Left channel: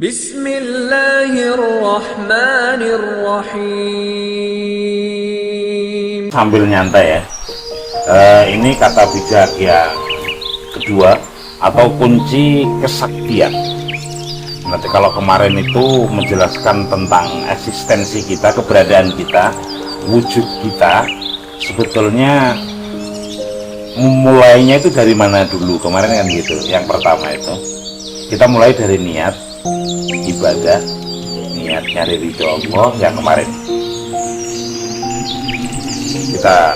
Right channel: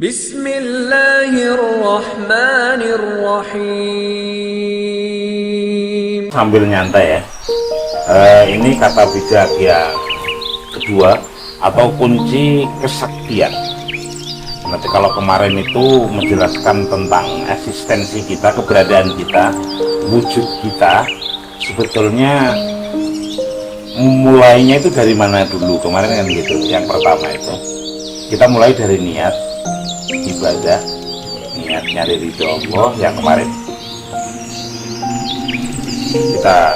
Bismillahirrahmanirrahim. Sambil nyantai ya. Ini kata bijak yang kedua atau kunci kesaktian. Nanti kalau kemarin itu menjelaskan tentang eksistensi kita, keberadaan kita, wujud kita, sebetulnya mulainya itu dari mana dulu kemarin kan gitu. Yang pertama itu kita mulai dari niat ibadah, niat nyari ridho Allah. Yang kemarin kita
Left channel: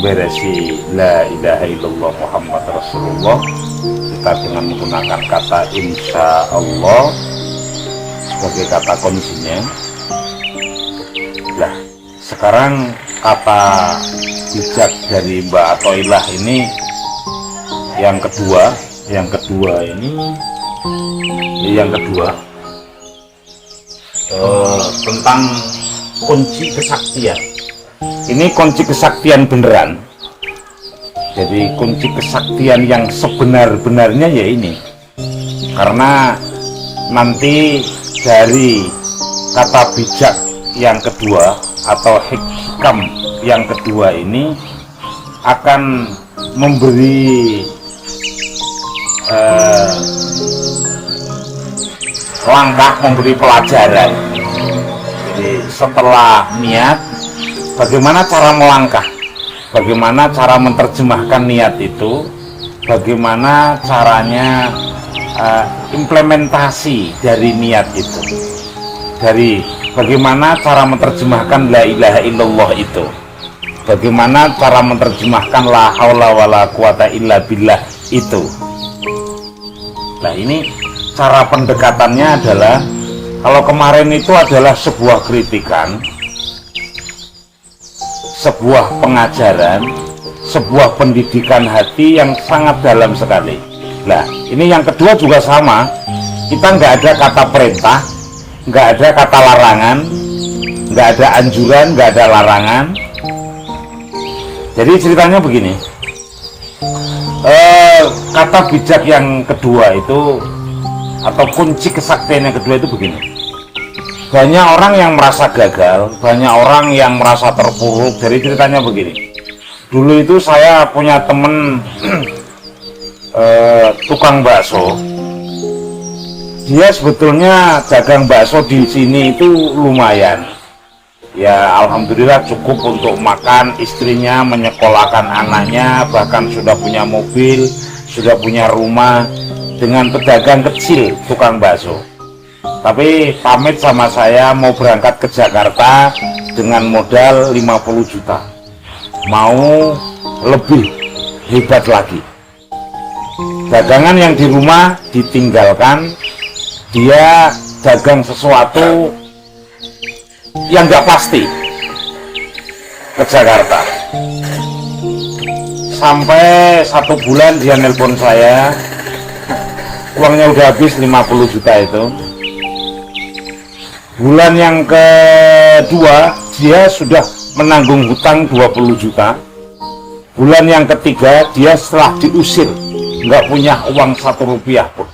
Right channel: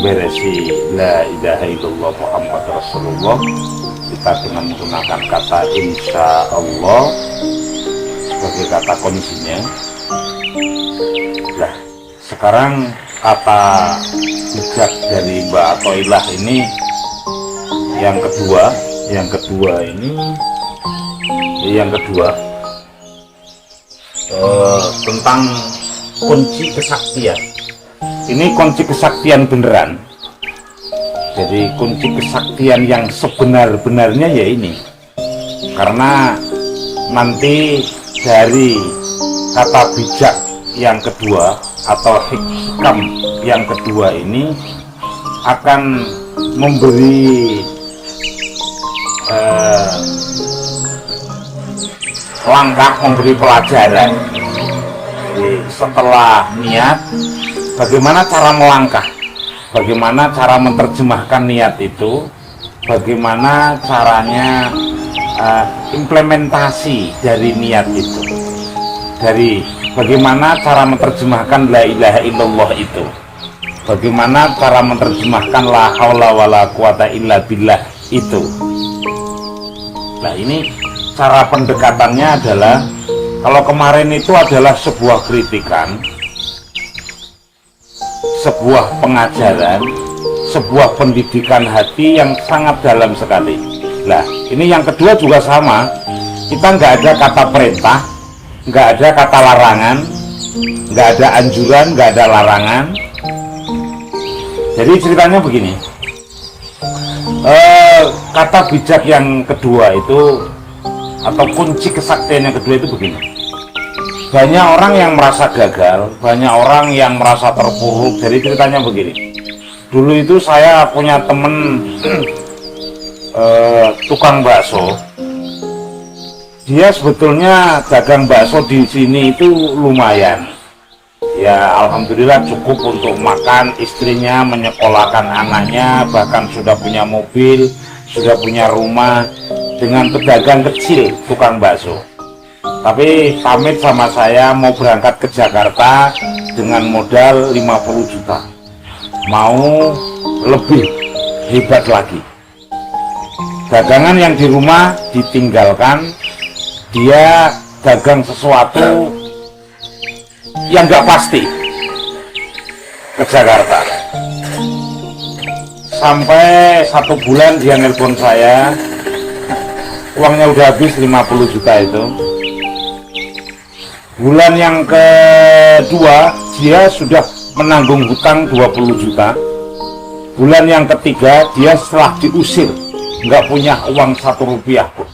beresi la ilaha illallah Muhammad Rasulullah, kita dengan menggunakan kata insya Allah sebagai kata kuncinya. Nah, sekarang kata bijak dari Mbak Atoilah ini yang kedua tentang kunci kesaktian. Ini kunci kesaktian beneran. Jadi kunci kesaktian yang sebenar-benarnya ya ini. Karena nanti dari kata bijak yang kedua atau hikam yang kedua ini akan memberi langkah, memberi pelajaran. Jadi setelah niat, bagaimana cara melangkah, bagaimana cara menerjemahkan niat itu, bagaimana caranya implementasi dari niat itu, dari bagaimana cara menerjemahkan la ilaha illallah itu, bagaimana cara menerjemahkan la haula wala quwata illa billah itu. Nah, ini cara pendekatannya adalah, kalau kemarin itu adalah sebuah kritikan, sebuah pengajaran, sebuah pendidikan hati yang sangat dalam sekali. Nah, ini yang kedua juga sama. Kita nggak ada kata perintah, nggak ada kata larangan, nggak ada anjuran, nggak ada larangan. Jadi ceritanya begini, kata bijak yang kedua itu atau kunci kesaktian yang kedua itu begini. Banyak orang yang merasa gagal, banyak orang yang merasa terpuruk. Jadi ceritanya begini, dulu itu saya punya temen tukang bakso. Dia sebetulnya dagang bakso di sini itu lumayan, ya alhamdulillah cukup untuk makan istrinya, menyekolahkan anaknya, bahkan sudah punya mobil, sudah punya rumah, dengan pedagang kecil tukang bakso. Tapi pamit sama saya mau berangkat ke Jakarta dengan modal 50 juta, mau lebih hebat lagi. Dagangan yang di rumah ditinggalkan, dia dagang sesuatu yang nggak pasti ke Jakarta. Sampai 1 bulan dia nelpon saya, uangnya udah habis 50 juta itu. Bulan yang kedua dia sudah menanggung hutang 20 juta. Bulan yang ketiga dia setelah diusir, nggak punya uang 1 rupiah pun.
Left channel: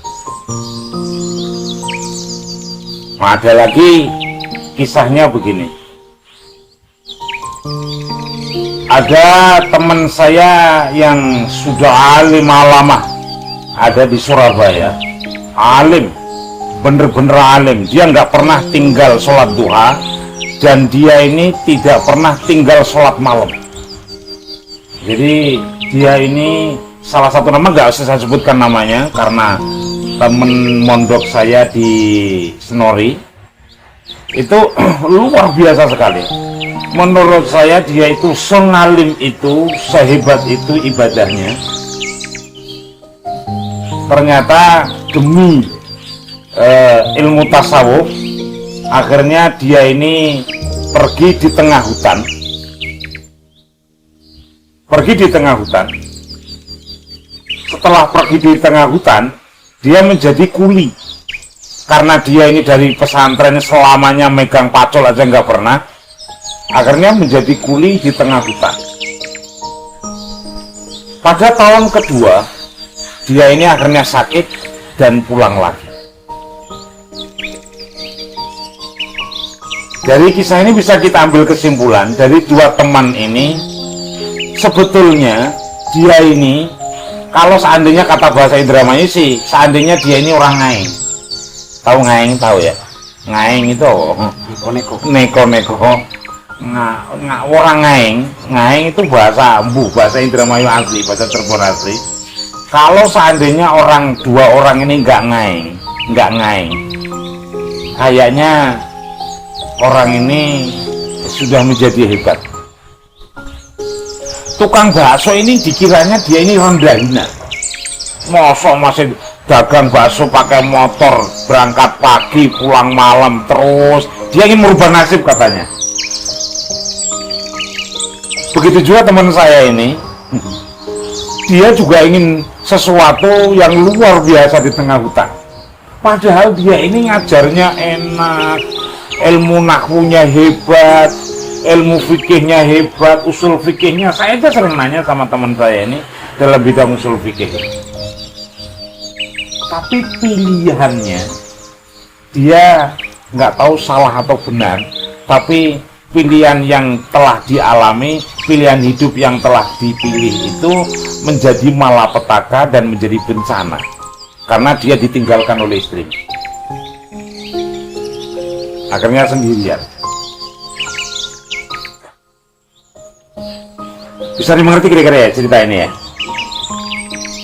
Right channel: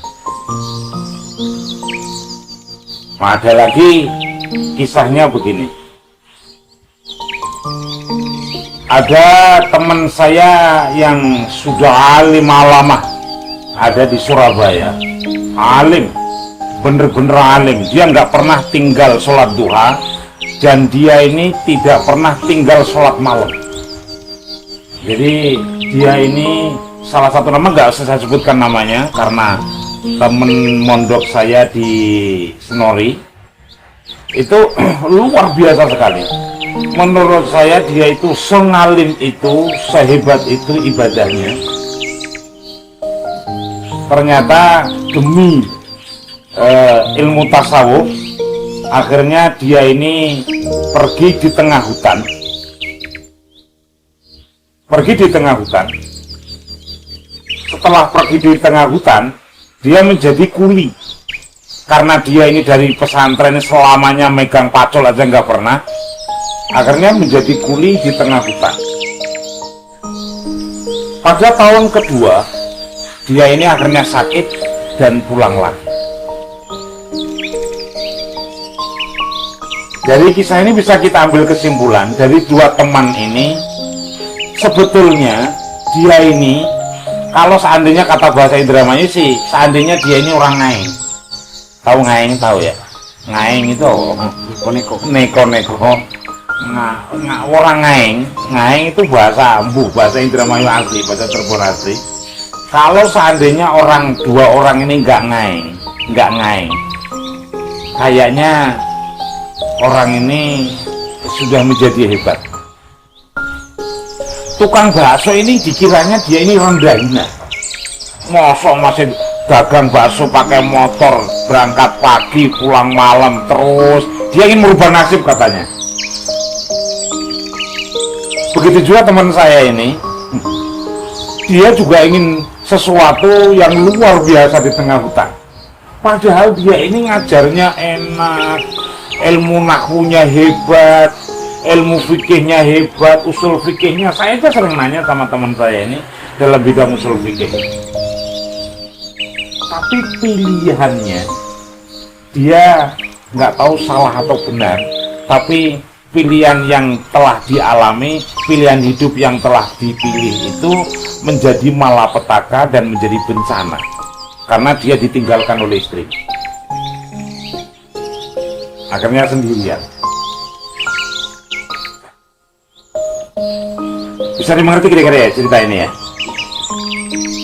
Nah, ada lagi kisahnya begini. Ada teman saya yang sudah alim lama, ada di Surabaya, alim, bener-bener alim. Dia nggak pernah tinggal sholat duha, dan dia ini tidak pernah tinggal sholat malam. Jadi dia ini salah satu nama, nggak usah saya sebutkan namanya karena temen mondok saya di Senori itu luar biasa sekali. Menurut saya dia itu sengalim itu, sehebat itu ibadahnya. Ternyata demi ilmu tasawuf, akhirnya dia ini pergi di tengah hutan. Setelah pergi di tengah hutan, dia menjadi kuli. Karena dia ini dari pesantren selamanya megang pacul aja nggak pernah, akhirnya menjadi kuli di tengah hutan. Pada tahun kedua, dia ini akhirnya sakit dan pulang lagi. Dari kisah ini bisa kita ambil kesimpulan dari dua teman ini, sebetulnya dia ini, kalau seandainya kata bahasa Indramayu sih, seandainya dia ini orang Ngaing. Tahu Ngaing, tahu ya? Ngaing itu neko-neko. Orang Ngaing itu bahasa bahasa Indramayu asli, bahasa Cirebon asli. Kalau seandainya dua orang ini nggak Ngaing, kayaknya orang ini sudah menjadi hebat. Tukang bakso ini dikiranya dia ini rendah hina. Mosok masih dagang bakso pakai motor, berangkat pagi pulang malam terus. Dia ingin merubah nasib katanya. Begitu juga teman saya ini, dia juga ingin sesuatu yang luar biasa di tengah hutan. Padahal dia ini ngajarnya enak, ilmu nahwunya hebat, ilmu fikihnya hebat, usul fikihnya. Saya aja sering nanya sama teman saya ini dalam bidang usul fikih. Tapi pilihannya, dia nggak tahu salah atau benar, tapi pilihan yang telah dialami, pilihan hidup yang telah dipilih itu menjadi malapetaka dan menjadi bencana karena dia ditinggalkan oleh istri. Akhirnya sendirian. Bisa dimengerti kira-kira ya cerita ini ya,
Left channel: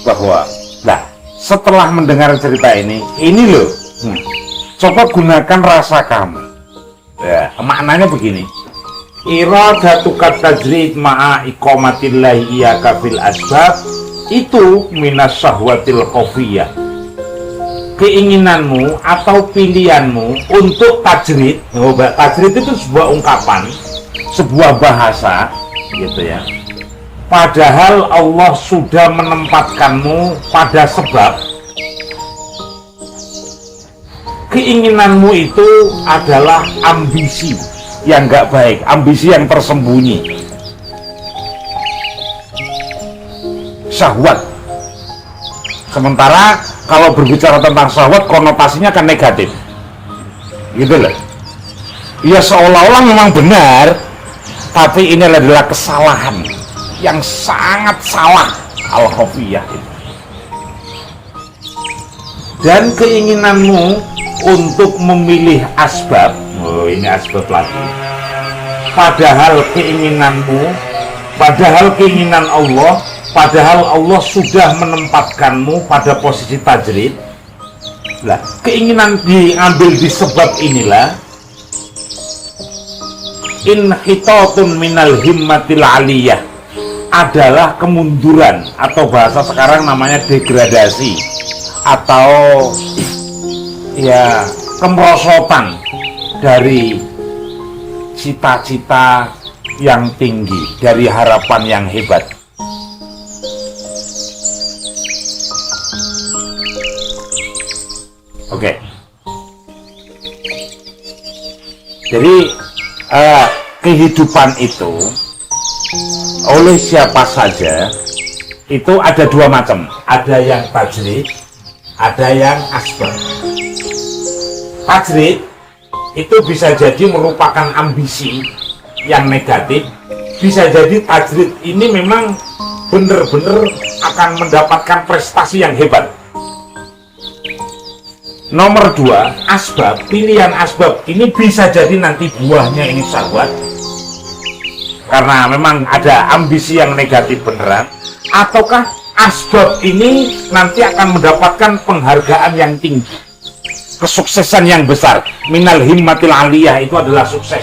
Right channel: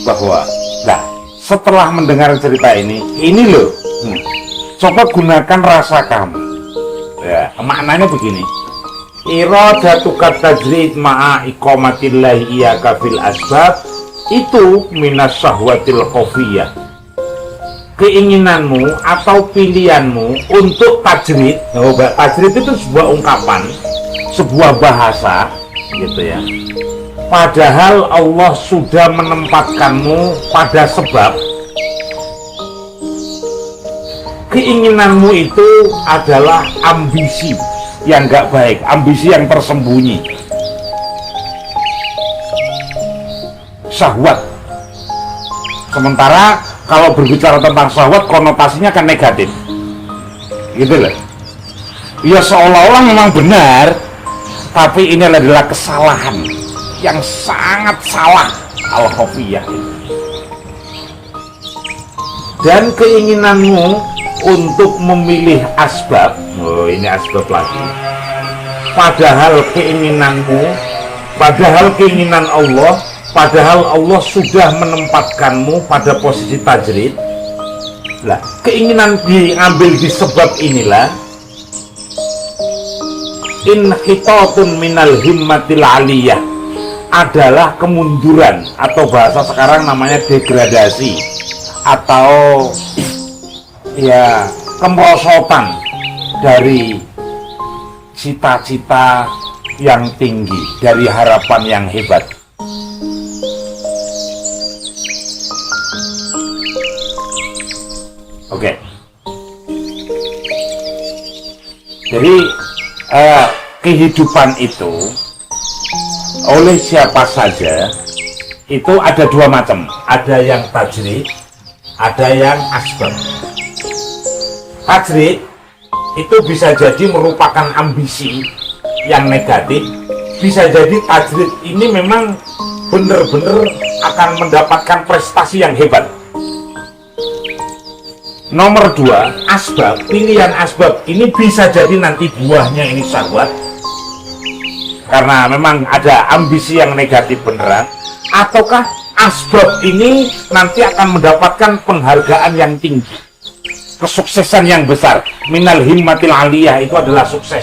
bahwa setelah mendengar cerita ini loh, coba gunakan rasa kamu ya. Maknanya begini, iradatukat tajrid ma'a iqamatillahi iyaka fil asbab itu minas syahwatil khafiyah. Keinginanmu atau pilihanmu untuk tajrid, tajrid itu sebuah ungkapan, sebuah bahasa gitu ya. Padahal Allah sudah menempatkanmu pada sebab. Keinginanmu itu adalah ambisi yang nggak baik, ambisi yang tersembunyi, syahwat. Sementara kalau berbicara tentang syahwat konotasinya kan negatif, gitu loh. Ya seolah-olah memang benar, tapi ini adalah kesalahan yang sangat salah, al-khafiyah. Dan keinginanmu untuk memilih asbab, ini asbab lagi, padahal keinginan Allah, padahal Allah sudah menempatkanmu pada posisi tajrid. Lah, keinginan diambil di sebab inilah inhitatun minal himmatil aliyah, adalah kemunduran atau bahasa sekarang namanya degradasi atau ya kemerosotan dari cita-cita yang tinggi, dari harapan yang hebat. Oke. Jadi kehidupan itu oleh siapa saja itu ada dua macam, ada yang tajrid, ada yang asbab. Tajrid itu bisa jadi merupakan ambisi yang negatif, bisa jadi tajrid ini memang benar-benar akan mendapatkan prestasi yang hebat. Nomor dua, asbab, pilihan asbab ini bisa jadi nanti buahnya ini syahwat karena memang ada ambisi yang negatif beneran, ataukah asbab ini nanti akan mendapatkan penghargaan yang tinggi, kesuksesan yang besar, minal himmatil aliyah, itu adalah sukses.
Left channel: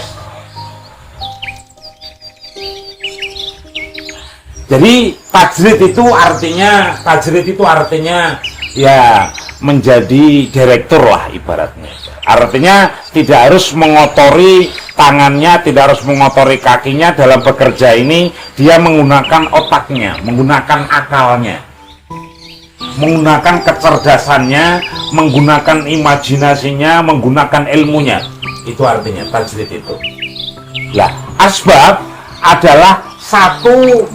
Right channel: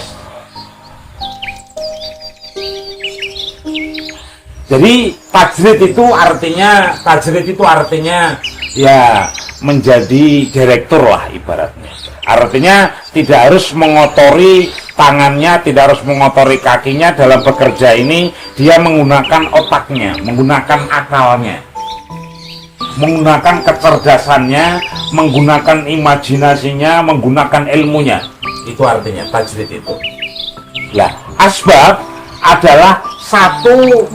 Jadi tajrid itu artinya ya menjadi direktur lah ibaratnya. Artinya tidak harus mengotori tangannya, tidak harus mengotori kakinya dalam bekerja ini. Dia menggunakan otaknya, menggunakan akalnya, menggunakan kecerdasannya, menggunakan imajinasinya, menggunakan ilmunya. Itu artinya tajrid itu. Ya, asbab adalah satu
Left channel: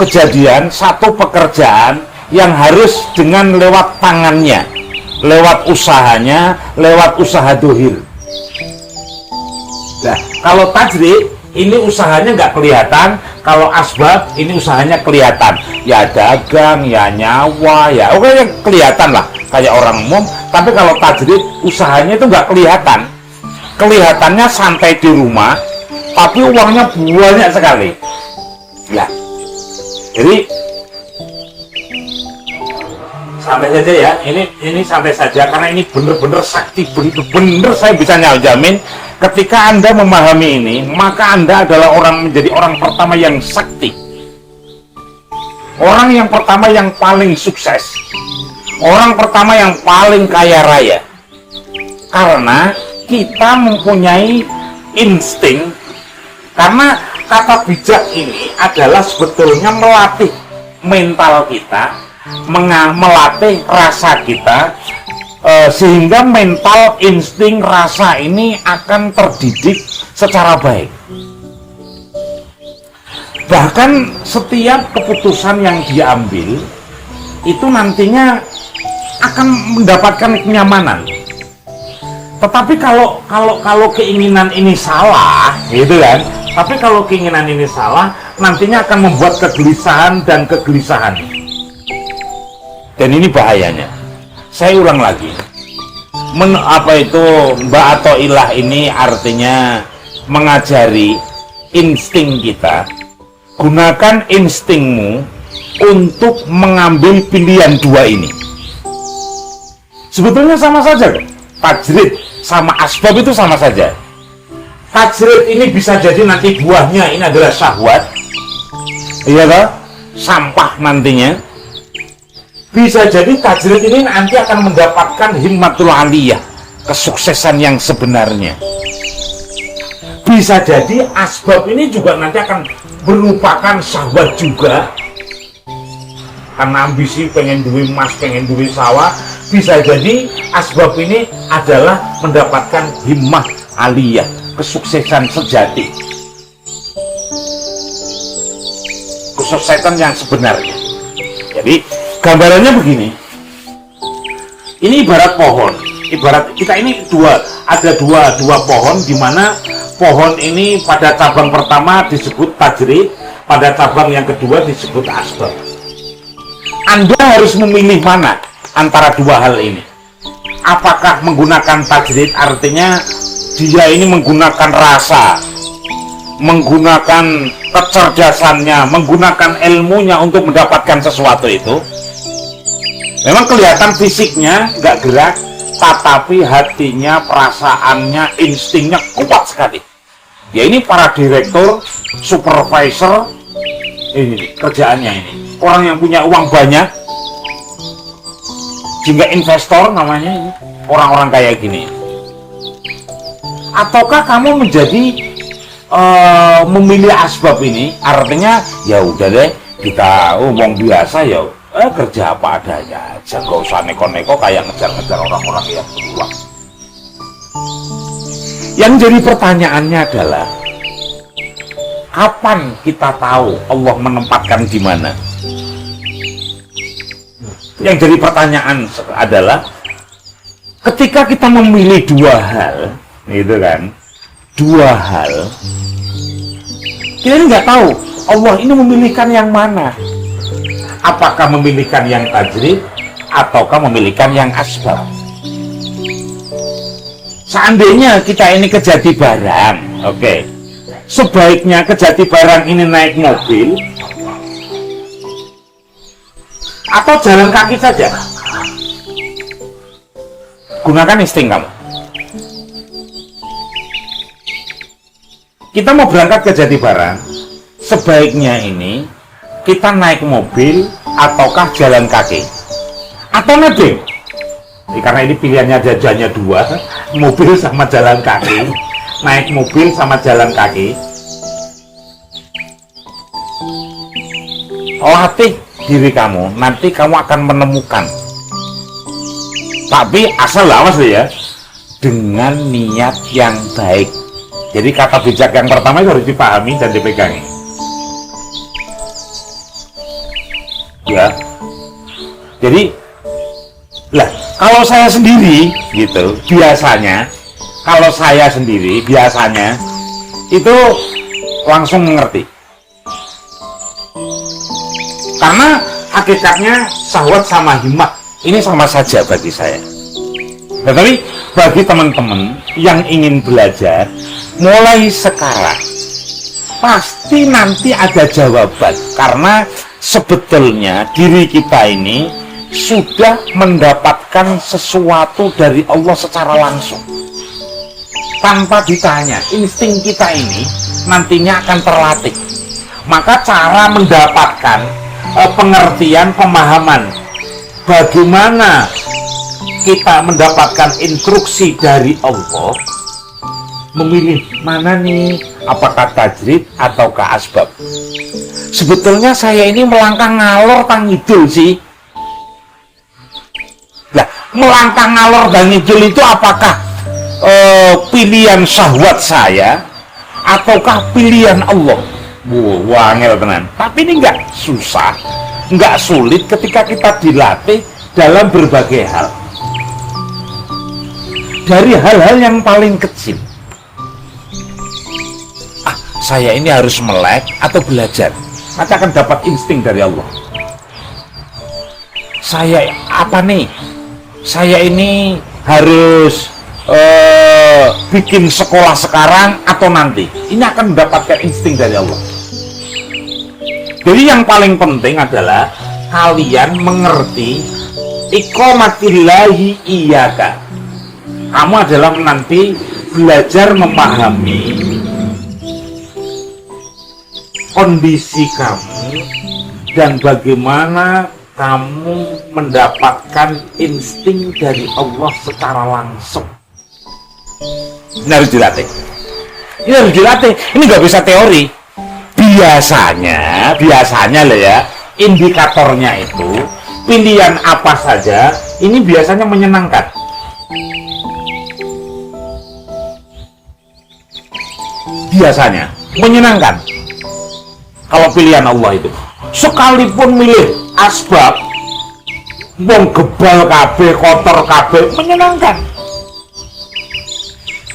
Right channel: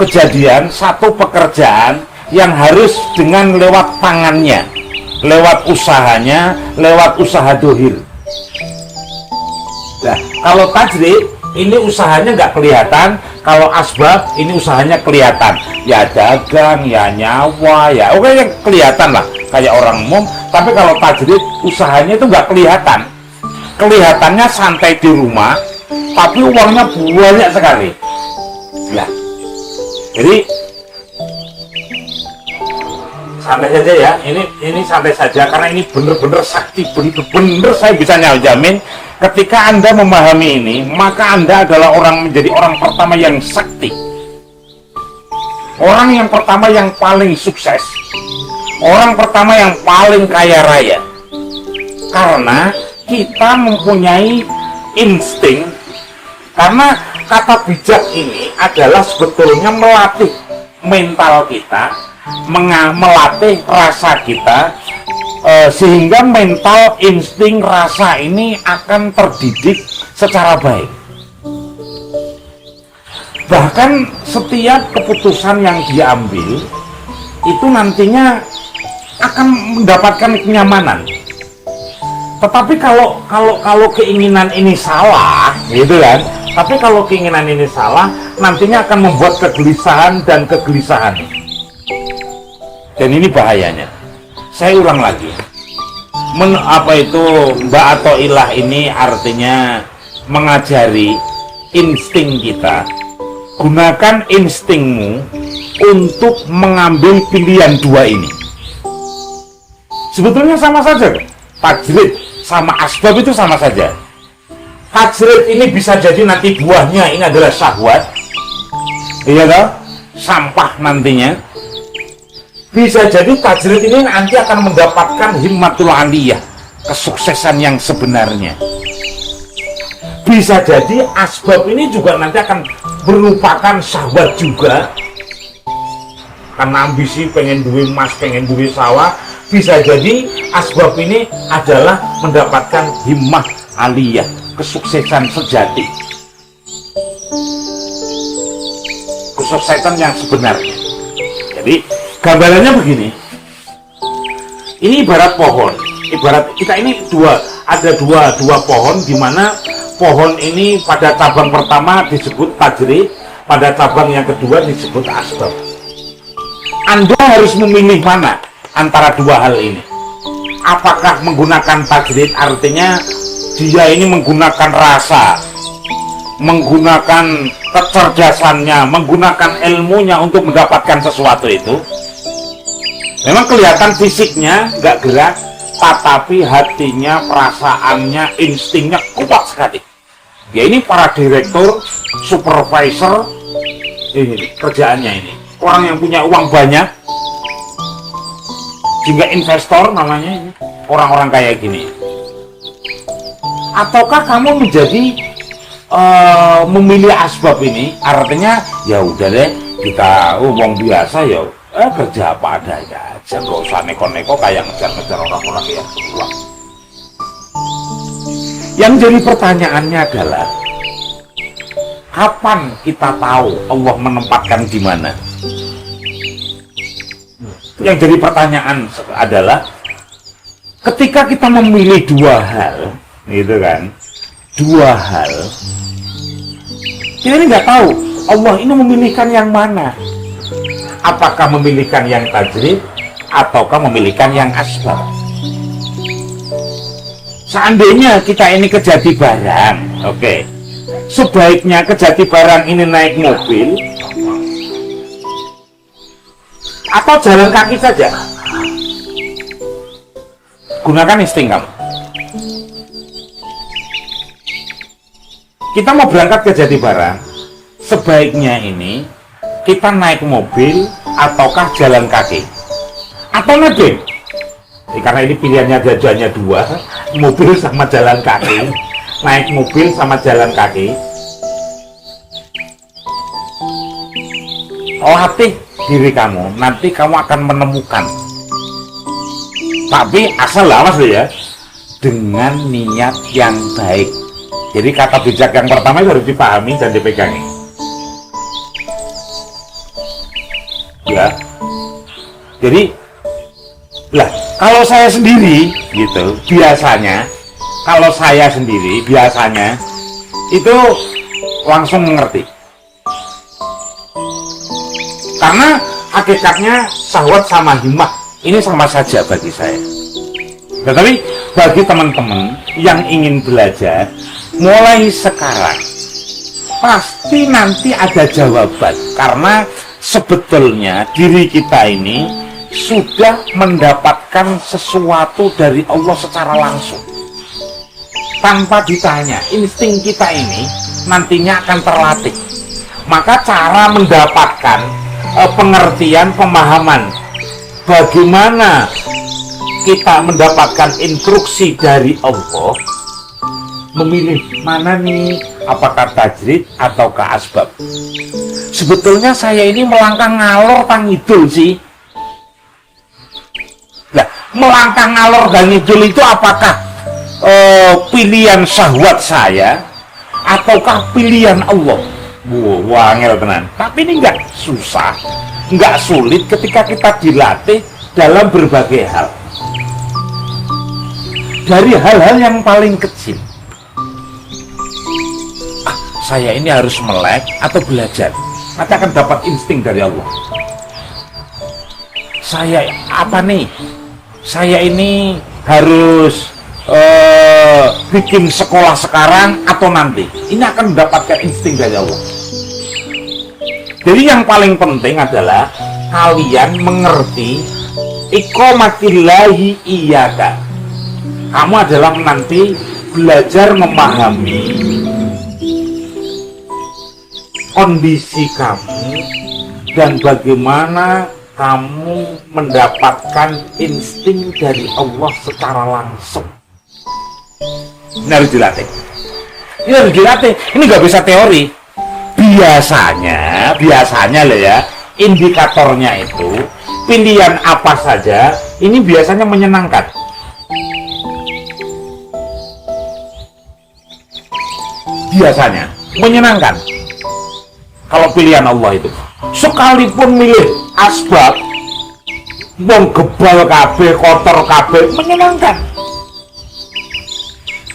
kejadian, satu pekerjaan yang harus dengan lewat tangannya, lewat usahanya, lewat usaha dohir. Nah, kalau tajrid ini usahanya nggak kelihatan, kalau asbab ini usahanya kelihatan. Ya dagang, ya nyawa, ya oke kelihatan lah kayak orang umum. Tapi kalau tajrid usahanya itu nggak kelihatan. Kelihatannya santai di rumah, tapi uangnya banyak sekali. Ya, jadi santai saja ya. Ini santai saja karena ini bener-bener sakti, bener-bener saya bisa jamin. Ketika Anda memahami ini, maka Anda adalah menjadi orang pertama yang sakti. Orang yang pertama yang paling sukses. Orang pertama yang paling kaya raya. Karena kita mempunyai insting. Karena kata bijak ini adalah sebetulnya melatih mental kita, melatih rasa kita, sehingga mental, insting, rasa ini akan terdidik secara baik. Bahkan setiap keputusan yang dia ambil itu nantinya akan mendapatkan kenyamanan. Tetapi kalau keinginan ini salah, gitu kan? Tapi kalau keinginan ini salah, nantinya akan membuat kegelisahan dan kegelisahan. Dan ini bahayanya. Saya ulang lagi, Mbak atau ilah ini artinya mengajari insting kita. Gunakan instingmu untuk mengambil pilihan dua ini. Sebetulnya sama saja, tajrid sama asbab itu sama saja. Tajrid ini bisa jadi nanti buahnya ini adalah syahwat, iya kan? Sampah nantinya. Bisa jadi tajrid ini nanti akan mendapatkan himmatul aliyah, kesuksesan yang sebenarnya. Bisa jadi asbab ini juga nanti akan merupakan syahwat juga. Karena ambisi pengen duit emas, pengen duit sawah. Bisa jadi asbab ini adalah mendapatkan himmah aliyah, kesuksesan sejati. Kesuksesan yang sebenarnya. Jadi gambarannya begini, ini ibarat pohon, ibarat kita ini ada dua pohon, di mana pohon ini pada cabang pertama disebut tajrid, pada cabang yang kedua disebut asbab. Anda harus memilih mana antara dua hal ini. Apakah menggunakan tajrid artinya dia ini menggunakan rasa, menggunakan kecerdasannya, menggunakan ilmunya untuk mendapatkan sesuatu itu. Memang kelihatan fisiknya nggak gerak, tetapi hatinya, perasaannya, instingnya kuat sekali. Ya ini para direktur, supervisor, ini kerjaannya ini. Orang yang punya uang banyak, hingga investor namanya ini, orang-orang kayak gini. Ataukah kamu menjadi memilih asbab ini? Artinya ya udah deh, kita ngomong biasa ya. Kerja apa adanya aja, gak usah neko-neko kayak ngejar-ngejar orang-orang yang beruang. Yang jadi pertanyaannya adalah, kapan kita tahu Allah menempatkan di mana? Yang jadi pertanyaan adalah, ketika kita memilih dua hal, gitu kan, dua hal, kita ini nggak tahu Allah ini memilihkan yang mana. Apakah memilihkan yang tajrid ataukah memilihkan yang asbab? Seandainya kita ini ke Jati Barang, oke, sebaiknya ke Jati Barang ini naik mobil atau jalan kaki saja. Gunakan insting kamu. Kita mau berangkat ke Jati Barang, sebaiknya ini kita naik mobil ataukah jalan kaki atau nebeng? Karena ini pilihannya jajannya dua, mobil sama jalan kaki, naik mobil sama jalan kaki. Latih diri kamu, nanti kamu akan menemukan. Tapi asal awas ya, dengan niat yang baik. Jadi kata bijak yang pertama itu harus dipahami dan dipegangi. Ya, jadi lah kalau saya sendiri gitu biasanya, kalau saya sendiri biasanya itu langsung mengerti. Karena hakikatnya syahwat sama himmah ini sama saja bagi saya. Tetapi bagi teman-teman yang ingin belajar, mulai sekarang pasti nanti ada jawaban. Karena sebetulnya diri kita ini sudah mendapatkan sesuatu dari Allah secara langsung. Tanpa ditanya, insting kita ini nantinya akan terlatih. Maka cara mendapatkan pengertian, pemahaman bagaimana kita mendapatkan instruksi dari Allah, memilih mana nih, apakah tajrid ataukah asbab. Sebetulnya saya ini melangkah ngalor kang ngidul sih. Nah, melangkah ngalor dan ngidul itu apakah pilihan syahwat saya ataukah pilihan Allah? Wah, angel tenan. Tapi ini enggak susah, enggak sulit ketika kita dilatih dalam berbagai hal. Dari hal-hal yang paling kecil. Saya ini harus melek atau belajar, maka akan dapat insting dari Allah. Saya apa nih? Saya ini harus bikin sekolah sekarang atau nanti. Ini akan mendapatkan insting dari Allah. Jadi yang paling penting adalah kalian mengerti iqamatillahi iyyaka. Kamu adalah nanti belajar memahami kondisi kamu dan bagaimana kamu mendapatkan insting dari Allah secara langsung. Ini harus dilatih. Ini harus dilatih. Ini nggak bisa teori. Biasanya loh ya, indikatornya itu pilihan apa saja ini biasanya menyenangkan. Biasanya menyenangkan. Kalau pilihan Allah itu, sekalipun milih asbab, wong gebal kabeh, kotor kabeh, menyenangkan.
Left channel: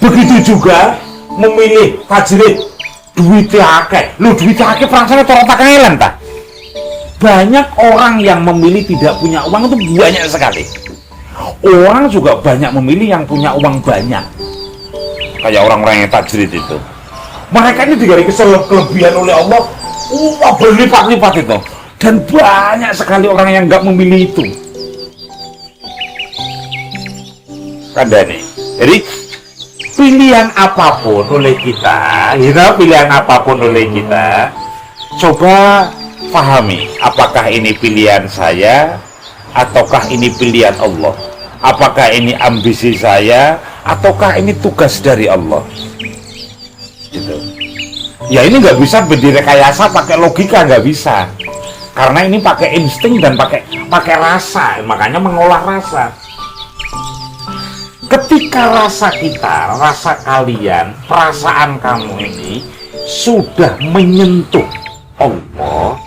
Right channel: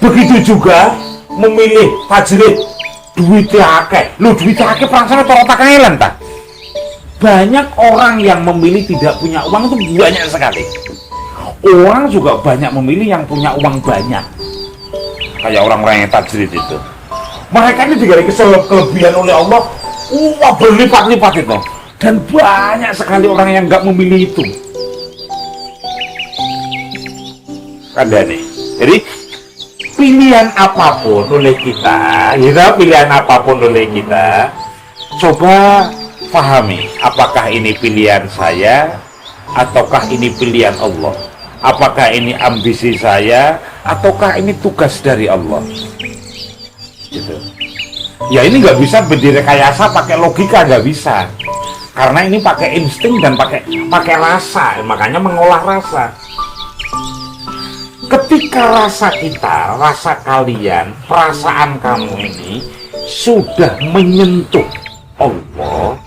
Begitu juga memilih tajrid, duitnya akeh. Lu duitnya akeh perangsane ora pakangelan ta. Banyak orang yang memilih tidak punya uang itu banyak sekali. Orang juga banyak memilih yang punya uang banyak. Kayak orang-orang yang tajrid itu. Mereka ini diberi kelebihan oleh Allah, berlipat-lipat itu. Dan banyak sekali orang yang nggak memilih itu. Kandani. Jadi pilihan apapun oleh kita, coba pahami, apakah ini pilihan saya, ataukah ini pilihan Allah? Apakah ini ambisi saya, ataukah ini tugas dari Allah? Gitu. Ya ini nggak bisa direkayasa pakai logika, nggak bisa. Karena ini pakai insting dan pakai rasa, makanya mengolah rasa. Ketika rasa kita, rasa kalian, perasaan kamu ini sudah menyentuh Allah,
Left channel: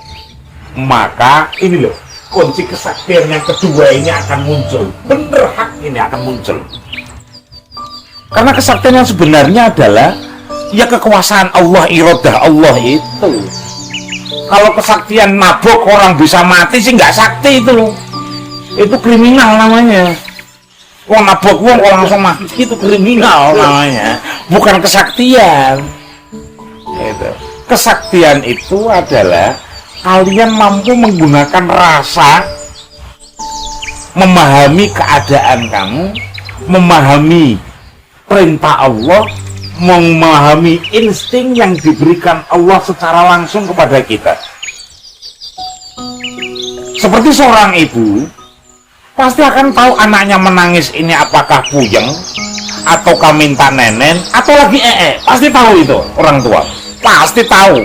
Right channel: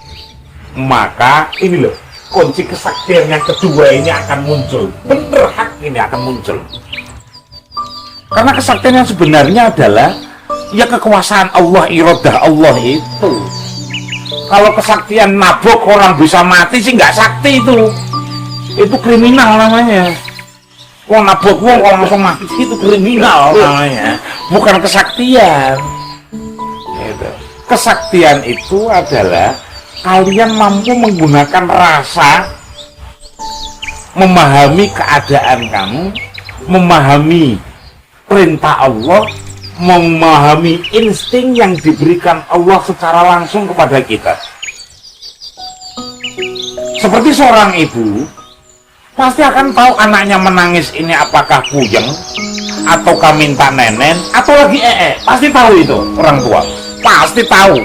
maka ini loh, kunci kesaktian yang kedua ini akan muncul. Bener, hak ini akan muncul. Karena kesaktian yang sebenarnya adalah ya kekuasaan Allah, iradah Allah itu. Kalau kesaktian nabok orang bisa mati sih nggak sakti itu kriminal namanya. Wong nabok wong langsung mati itu kriminal namanya, bukan kesaktian. Gitu. Kesaktian itu adalah kalian mampu menggunakan rasa, memahami keadaan kamu, memahami perintah Allah, memahami insting yang diberikan Allah secara langsung kepada kita. Seperti seorang ibu pasti akan tahu anaknya menangis ini apakah puyeng ataukah minta nenen atau lagi pasti tahu itu. Orang tua pasti tahu.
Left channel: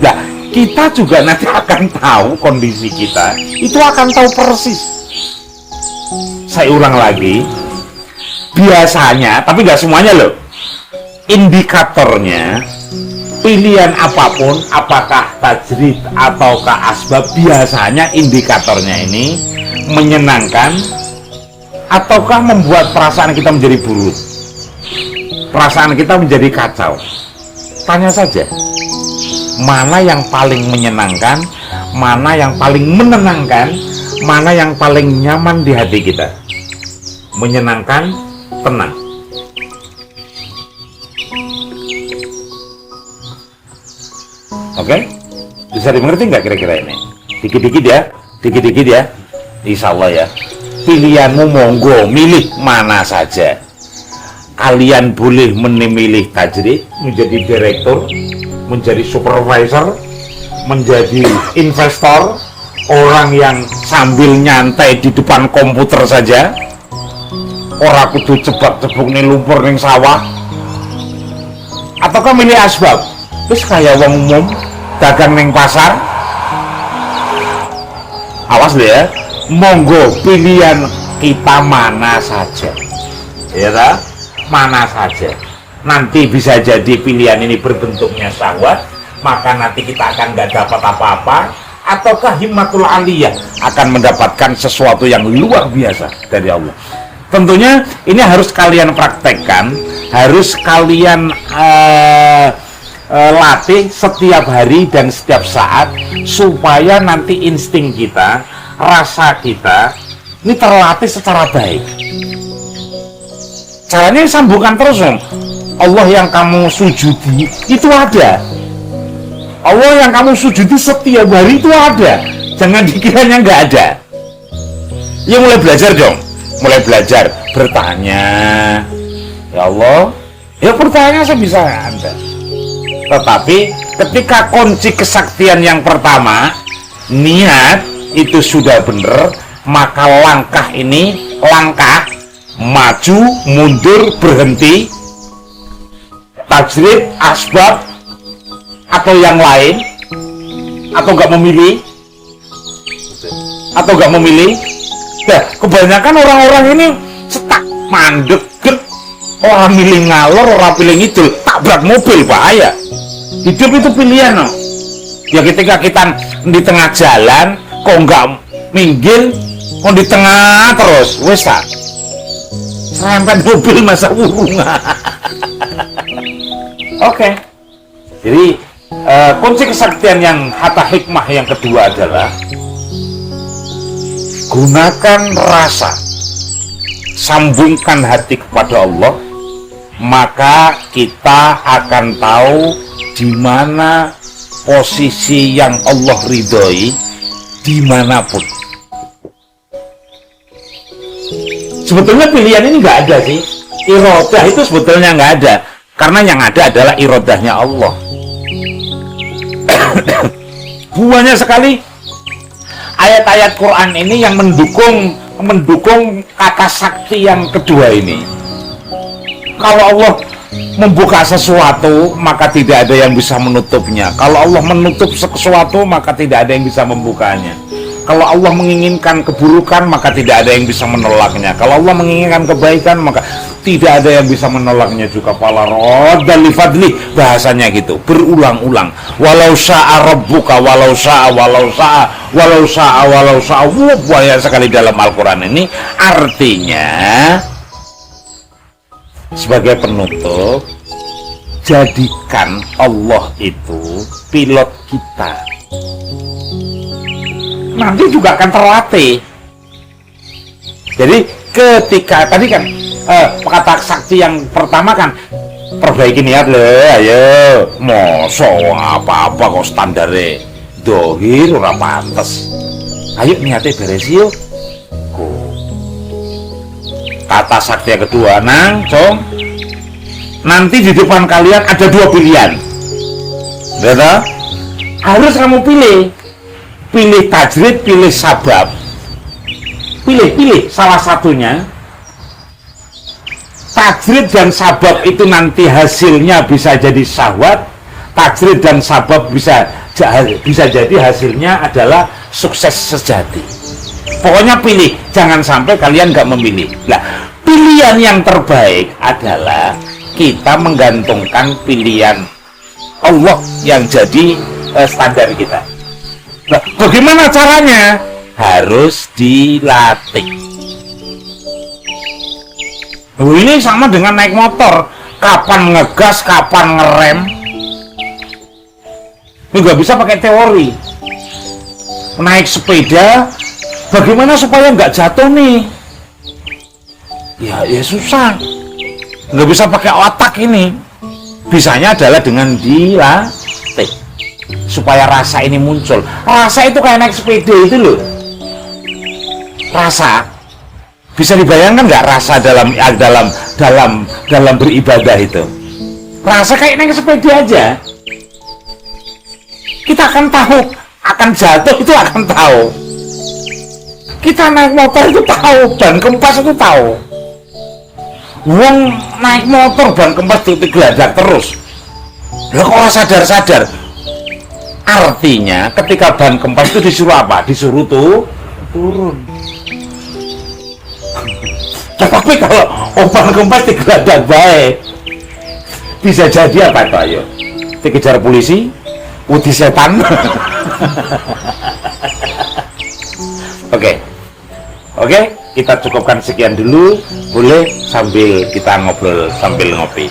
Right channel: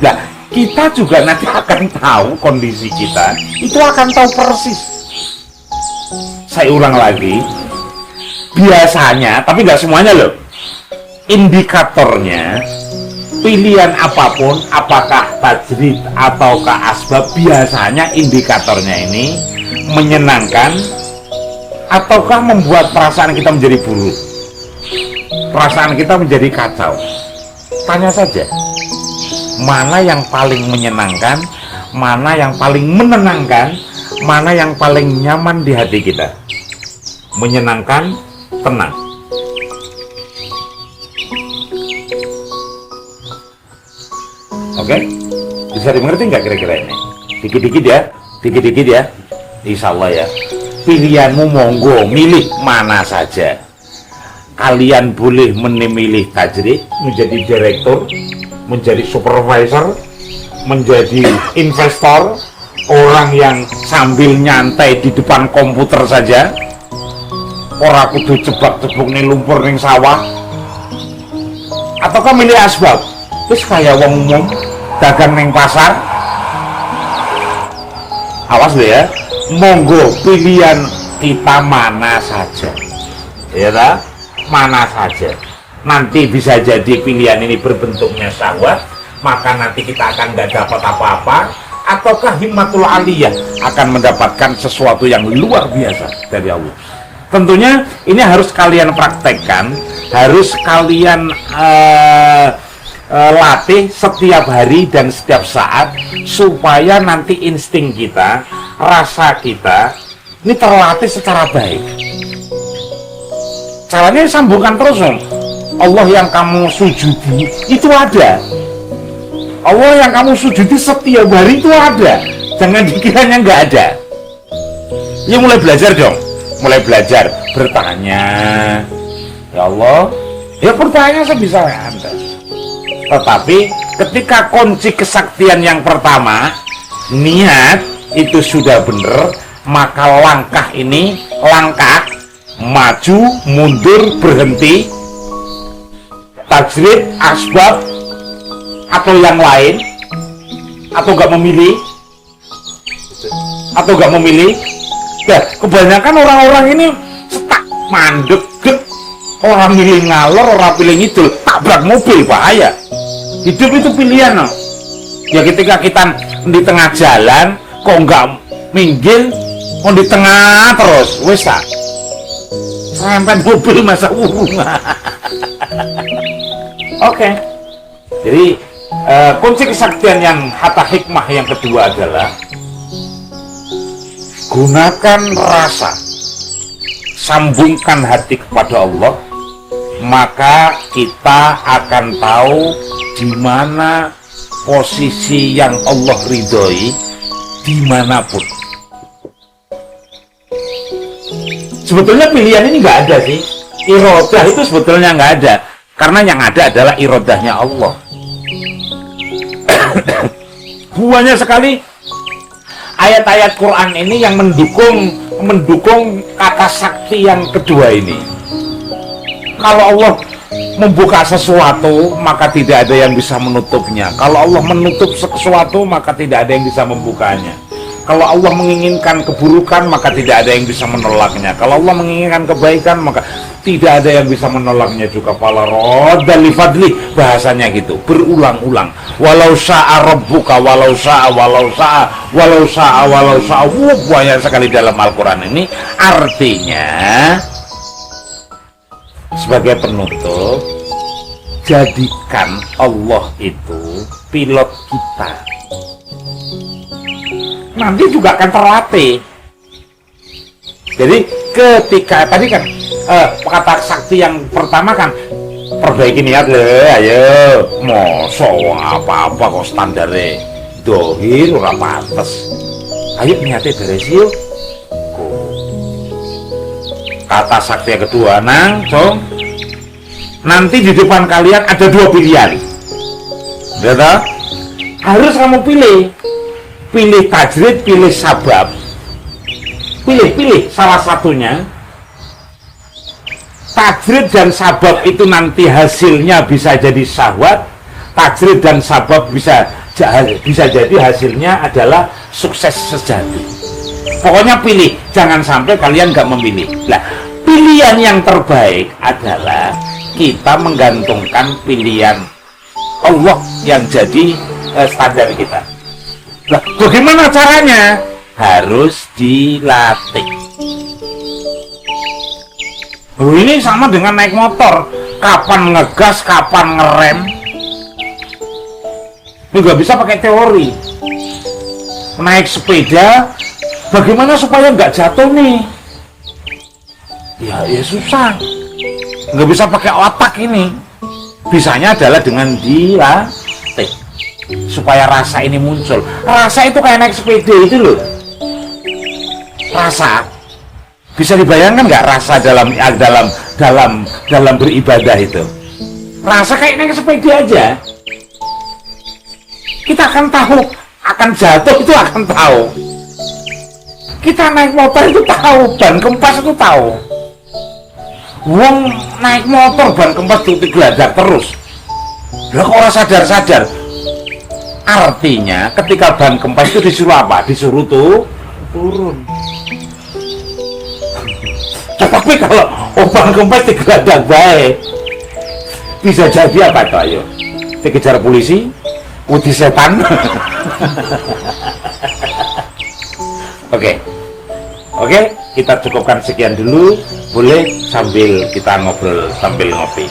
Nah, kita juga nanti akan tahu kondisi kita, itu akan tahu persis. Saya ulang lagi, biasanya, tapi nggak semuanya loh, indikatornya pilihan apapun, apakah tajrid ataukah asbab, biasanya indikatornya ini menyenangkan ataukah membuat perasaan kita menjadi buruk, perasaan kita menjadi kacau. tanya saja, mana yang paling menyenangkan, mana yang paling menenangkan, mana yang paling nyaman di hati kita. Menyenangkan, tenang. Oke? Bisa dimengerti nggak kira-kira ini? Dikit-dikit ya, dikit-dikit ya. Insya Allah ya. Pilihanmu monggo, milih mana saja. Kalian boleh memilih tajrid, menjadi direktur, menjadi supervisor, menjadi investor, orang yang sambil nyantai di depan komputer saja, orang kudu jebak-jebuk nih lumpur ning sawah, ataukah milih asbab, terus kayak wong umum dagang ning pasar. Awas ya, monggo pilihan kita mana saja, ya tak? Mana saja. Nanti bisa jadi pilihan ini berbentuknya syahwat, maka nanti kita akan nggak dapat apa-apa, ataukah himmatul aliyah akan mendapatkan sesuatu yang luar biasa dari Allah. Tentunya ini harus kalian praktekkan, harus kalian latih setiap hari dan setiap saat, supaya nanti insting kita, rasa kita ini terlatih secara baik. Caranya sambungkan terus, Allah yang kamu sujudi itu ada, Allah yang kamu sujudi setiap hari itu ada, jangan dikiranya nggak ada. Ya mulai belajar dong, mulai belajar bertanya, ya Allah, ya bertanya sebisa Anda. Tetapi ketika kunci kesaktian yang pertama, niat itu sudah benar, maka langkah ini, langkah maju, mundur, berhenti, tajrid, asbab, atau yang lain, atau nggak memilih, nah, kebanyakan orang-orang ini setak mandek, orang milih ngalor, orang pilih ngidul, tabrak mobil, bahaya. Hidup itu pilihan, no? Ya ketika kita di tengah jalan, kok nggak minggir, kok di tengah terus, wes tak serempet mobil masa urung. Oke. Jadi kunci kesaktian yang kata hikmah yang kedua adalah gunakan rasa, sambungkan hati kepada Allah, maka kita akan tahu di mana posisi yang Allah ridhoi dimanapun. Sebetulnya pilihan ini nggak ada sih, irodah itu sebetulnya nggak ada, karena yang ada adalah irodahnya Allah. Banyak sekali ayat-ayat Quran ini yang mendukung kata sakti yang kedua ini. Kalau Allah membuka sesuatu, maka tidak ada yang bisa menutupnya. Kalau Allah menutup sesuatu, maka tidak ada yang bisa membukanya. Kalau Allah menginginkan keburukan, maka tidak ada yang bisa menolaknya. Kalau Allah menginginkan kebaikan, maka tidak ada yang bisa menolaknya juga. Fala radda li fadli, bahasanya gitu, berulang-ulang. Walau syaa rabbuka, walau syaa, walau syaa, walau syaa, walau syaa. Banyak sekali dalam Al-Quran ini. Artinya, sebagai penutup, jadikan Allah itu pilot kita. Nanti juga akan terlatih. Jadi ketika tadi kan kata sakti yang pertama kan perbaiki niat le, ayo moso apa-apa kok standarnya dohir ora pantes, ayo niatnya beres yuk. Kata sakti yang kedua, nang cong, nanti di depan kalian ada dua pilihan, betul? Harus kamu pilih tajrid, pilih sabab, pilih salah satunya. Tajrid dan sabab itu nanti hasilnya bisa jadi syahwat, tajrid dan sabab bisa jadi hasilnya adalah sukses sejati. Pokoknya pilih, jangan sampai kalian nggak memilih. Nah, pilihan yang terbaik adalah kita menggantungkan pilihan Allah yang jadi standar kita. Nah, bagaimana caranya? Harus dilatih. Ini sama dengan naik motor. Kapan ngegas, kapan ngerem, nggak bisa pakai teori. Naik sepeda, bagaimana supaya nggak jatuh nih? Ya susah, nggak bisa pakai otak ini. Bisanya adalah dengan dilatih supaya rasa ini muncul. Rasa itu kayak naik sepeda itu loh. Rasa bisa dibayangkan nggak rasa dalam beribadah itu? Rasa kayak naik sepeda aja. Kita akan tahu, akan jatuh itu akan tahu. Kita naik motor itu tahu, ban kempas itu tahu. Wong naik motor ban kempas digeladak terus. Ya kalau sadar-sadar. Artinya ketika ban kempas itu disuruh apa? Disuruh turun. Tapi kalau ban kempas digeladak baik, bisa jadi apa Pak? Ayo, dikejar polisi, putih setan. Oke, kita cukupkan sekian dulu. Boleh sambil kita ngobrol sambil ngopi.